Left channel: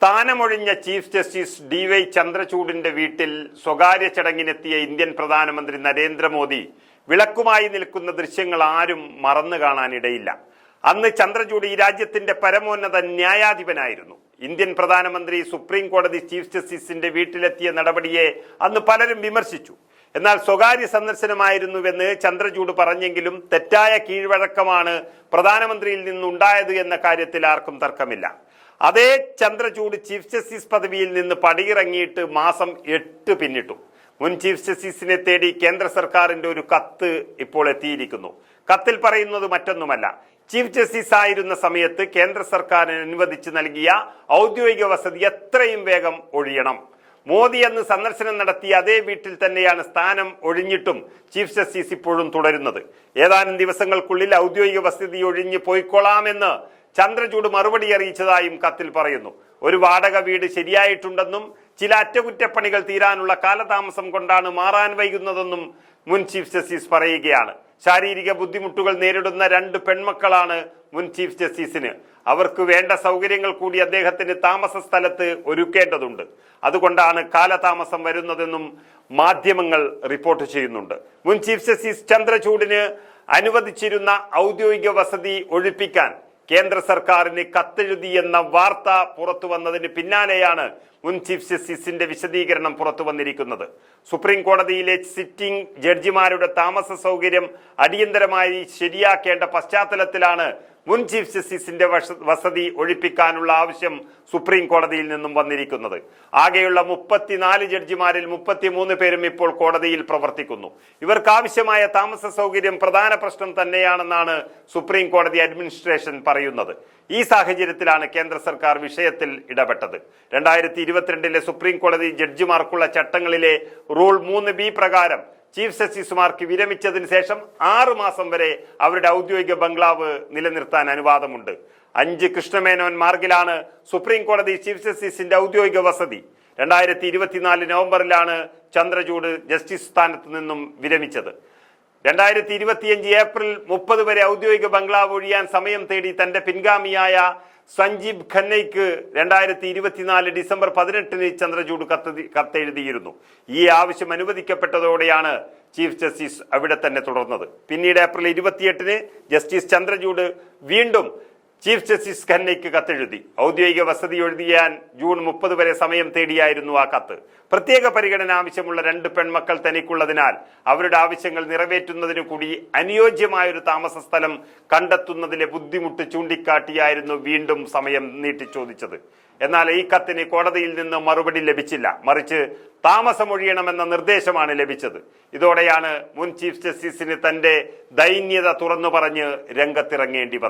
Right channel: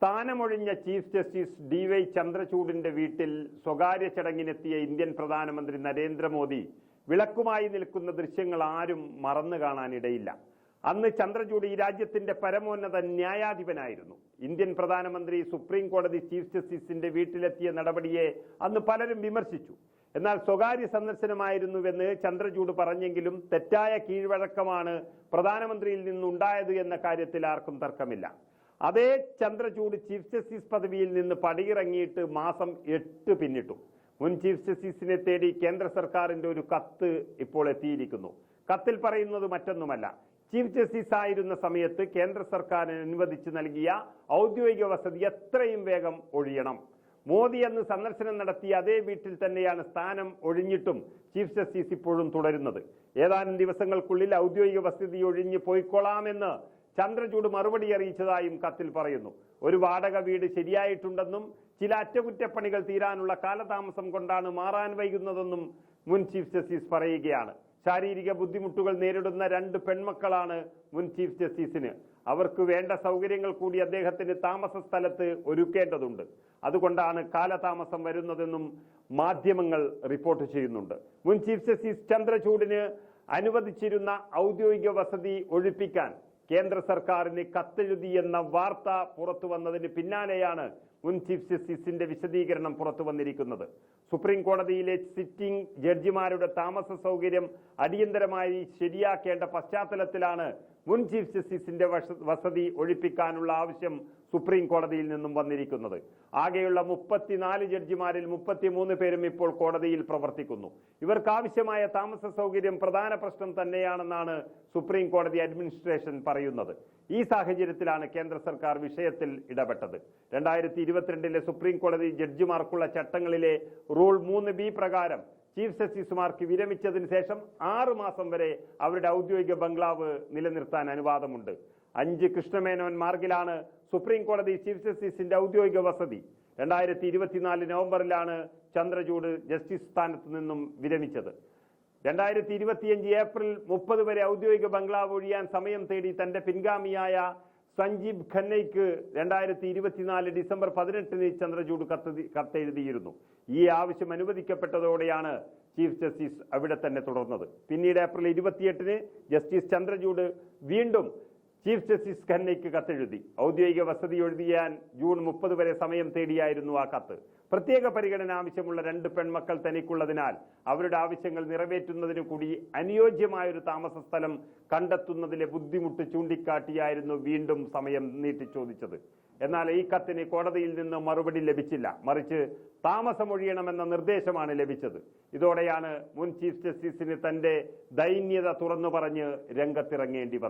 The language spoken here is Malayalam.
സ്ഥാനമൊഴിഞ്ഞ ചീഫ് ജസ്റ്റിസ് ഡി വൈ ചന്ദ്രചൂഡിന്റെ വീട്ടിൽ സ്വകാര്യ ചടങ്ങിനെത്തിയ ഇന്ത്യൻ പ്രധാനമന്ത്രി നരേന്ദ്രമോദി വിളക്കുമായി നിൽക്കുന്ന ദൃശ്യങ്ങൾ ആരും മറന്നു കാണാനിടയില്ല. അന്ന് ചന്ദ്രചൂഡ് ഈ രാജ്യത്തിന്റെ പരമോന്നത ന്യായാധിപനായിരുന്നു. ഇന്ത്യൻ പ്രധാനമന്ത്രി സുപ്രീം കോടതി ചീഫ് ജസ്റ്റിസിന്റെ വീട്ടിലെത്തിയ നടപടിയെ അന്ന് പലരും വിമർശിച്ചു. എന്നാൽ സ്വകാര്യ സന്ദർശനമായിരുന്നുവെന്ന് ചന്ദ്രചൂഡ് പറഞ്ഞെങ്കിലും തെറ്റായ കീഴ്വഴക്കമാണ് പ്രധാനമന്ത്രിയിൽ നിന്നുണ്ടായത് എന്ന കാര്യത്തിൽ ആർക്കും തർക്കമില്ല. അതേ ചന്ദ്രചൂഡ് ചീഫ് ജസ്റ്റിസ് പദവിയിൽ നിന്ന് പടിയിറങ്ങിയിട്ട് മാസം എട്ട് പിന്നിട്ടു. മുൻ ചീഫ് ജസ്റ്റിസിനെ തേടി കേന്ദ്ര സർക്കാരിന്റെ ഒരു കത്ത് ഇപ്പോൾ എത്തിയിരിക്കുന്നു. കത്തിൽ പറയുന്നത് മറ്റൊന്നുമല്ല. ചീഫ് ജസ്റ്റിസ് ആയിരുന്ന സമയത്ത് കേന്ദ്ര സർക്കാരിന് അനുവദിച്ച് നൽകിയ ഔദ്യോഗിക വസതി എത്രയും വേഗം ഒഴിയണം. മോദി അന്ന് സന്ദർശനം നടത്തിയ അതേ വീട്ടിൽ തന്നെയാണ് സ്ഥാനം ഒഴിഞ്ഞിട്ടും ചീഫ് ജസ്റ്റിസ് ഇപ്പോഴും തുടരുന്നത്. ഏതാനും ദിവസങ്ങൾക്കുള്ളിൽ ഔദ്യോഗിക വസതി ഒഴിഞ്ഞ് പോയിക്കൊള്ളാമെന്ന് ചന്ദ്രചൂഡ് മറുപടി അറിയിച്ചതായും കത്തിൽ പറയുന്നു. ഒരു വാടക വീട് ശരിയായിട്ടുണ്ടെന്നും ചില അറ്റകുറ്റപ്പണികൾ തീരാനുള്ള കാലതാമസം കൊണ്ടാണ് മാറാൻ വൈകുന്നതെന്നും മുൻ ചീഫ് ജസ്റ്റിസ് പറയുകയാണ്. ശാരീരിക ബുദ്ധിമുട്ടുകൾ നേരിടുന്ന രണ്ട് പെൺമക്കളാണ് മുൻ ചീഫ് ജസ്റ്റിസിന്. അവർക്ക് വേണ്ട സൗകര്യങ്ങൾ കൂടി അദ്ദേഹത്തിന് താമസ സ്ഥലത്ത് ഒരുക്കേണ്ടതുണ്ട്. അതുകൊണ്ടാണ് കാലതാമസം വരുന്നതെന്നും മാധ്യമങ്ങൾ റിപ്പോർട്ട് ചെയ്യുന്നുണ്ട്. മുൻ ചീഫ് ജസ്റ്റിസ് ചന്ദ്രചൂഡിന് അനുവദിച്ചിരുന്ന ഔദ്യോഗിക വസതി ഒഴിപ്പിക്കാൻ കേന്ദ്ര സർക്കാരിന് കത്തെഴുതിയെന്ന വാർത്ത പുറത്തു വന്നതിന് പിന്നാലെയാണ് മുൻ ചീഫ് ജസ്റ്റിസിന്റെ വിശദീകരണം പുറത്തു വന്നിരിക്കുന്നത്. സുപ്രീം കോടതിയിലെ സിറ്റിംഗ് ജഡ്ജിമാരുടെ താമസ സൗകര്യം അടിയന്തരമായി ശരിയാക്കേണ്ട പശ്ചാത്തലത്തിലാണ് മുൻ ചീഫ് ജസ്റ്റിസിന്റെ വസതി ഒഴിപ്പിക്കാനുള്ള ആവശ്യം സുപ്രീം കോടതിയിൽ നിന്നും വന്നിരിക്കുന്നത്. ആകെയുള്ള മുപ്പത്തിനാല് ജഡ്ജിമാരിൽ മുപ്പത്തിമൂന്ന് പേരും ഇപ്പോൾ കോടതിയിൽ പ്രവർത്തിക്കുന്നു. ഇവർക്ക് ആവശ്യമായ താമസ സൗകര്യം പ്രധാന പ്രശ്നം തന്നെയാണെന്നാണ് സുപ്രീം കോടതി അഡ്മിനിസ്ട്രേഷൻ പറയുന്നത്. ഈ സാഹചര്യത്തിലാണ് കേന്ദ്ര സർക്കാർ വിഷയത്തിൽ ഇടപെട്ടത്. രണ്ടായിരത്തി ഇരുപത്തിരണ്ടിലെ സുപ്രീം കോടതി ജഡ്ജിമാർക്കുള്ള ചട്ടങ്ങളിലെ റൂൾ മൂന്ന് ബി പ്രകാരം ചീഫ് ജസ്റ്റിസുമാർക്ക് വിരമിച്ചതിന് ശേഷം ആറു മാസം വരെ അവരുടെ ഔദ്യോഗിക ബംഗ്ലാവ് നിലനിർത്താൻ അനുവാദമുണ്ട്. അഞ്ച് കൃഷ്ണമേനോൻ മാർഗിലാണ് സുപ്രീം കോടതി ചീഫ് ജസ്റ്റിസിന്റെ ഔദ്യോഗിക വസതി. രണ്ടായിരത്തി ഇരുപത്തിനാല് നവംബറിലാണ് ചന്ദ്രചൂഡ് ജസ്റ്റിസ് സ്ഥാനത്ത് നിന്നും വിരമിച്ചത്. രണ്ടായിരത്തി ഇരുപത്തിയഞ്ച് ഏപ്രിൽ മുപ്പത് വരെ ഔദ്യോഗിക ബംഗ്ലാവ് ഒഴിയാൻ സമയം തേടി തന്റെ പിൻഗാമിയായ സഞ്ജീവ് ഖന്നയ്ക്ക് രണ്ടായിരത്തി ഇരുപത്തിനാല് ഡിസംബർ പതിനെട്ടിന് ചന്ദ്രചൂഡ് കത്ത് കത്തെഴുതിയിരുന്നു. ഈ ആവശ്യം അനുവദിക്കപ്പെട്ടതോടെയാണ് ചീഫ് ജസ്റ്റിസ് അവിടെ തന്നെ തുടർന്നത്. പിന്നീട് ഏപ്രിൽ ഇരുപത്തിയെട്ടിന് ജസ്റ്റിസ് ചന്ദ്രചൂഡ് വീണ്ടും ചീഫ് ജസ്റ്റിസ് ഖന്നയ്ക്ക് കത്തെഴുതി. ഔദ്യോഗിക വസതി എഴുതിയാൻ ജൂൺ മുപ്പത് വരെ സമയം തേടിയായിരുന്നു ആ കത്ത്. പ്രത്യേക പരിഗണന ആവശ്യമുള്ള രണ്ട് പെൺമക്കൾ തനിക്കുള്ളതിനാൽ അവരുടെ ആവശ്യങ്ങൾ നിറവേറ്റുന്നതിനു കൂടി അനുയോജ്യമായൊരു താമസ സ്ഥലം കണ്ടെത്തുന്നതിലെ ബുദ്ധിമുട്ട് ചൂണ്ടിക്കാട്ടിയായിരുന്നു വീണ്ടും സമയം നീട്ടി ചോദിച്ചത് എന്നാൽ ഈ കത്തിന് കോടതിയിൽ നിന്ന് മറുപടി ലഭിച്ചില്ല. മറിച്ച് താമസമൊഴിയണമെന്ന നിർദ്ദേശമാണ് ലഭിച്ചത്. ഇതോടെയാണ് മുൻ ചീഫ് ജസ്റ്റിസിന് തന്റെ ദൈന്യത തുറന്നു പറഞ്ഞ് രംഗത്തിറങ്ങേണ്ടി വന്നത്.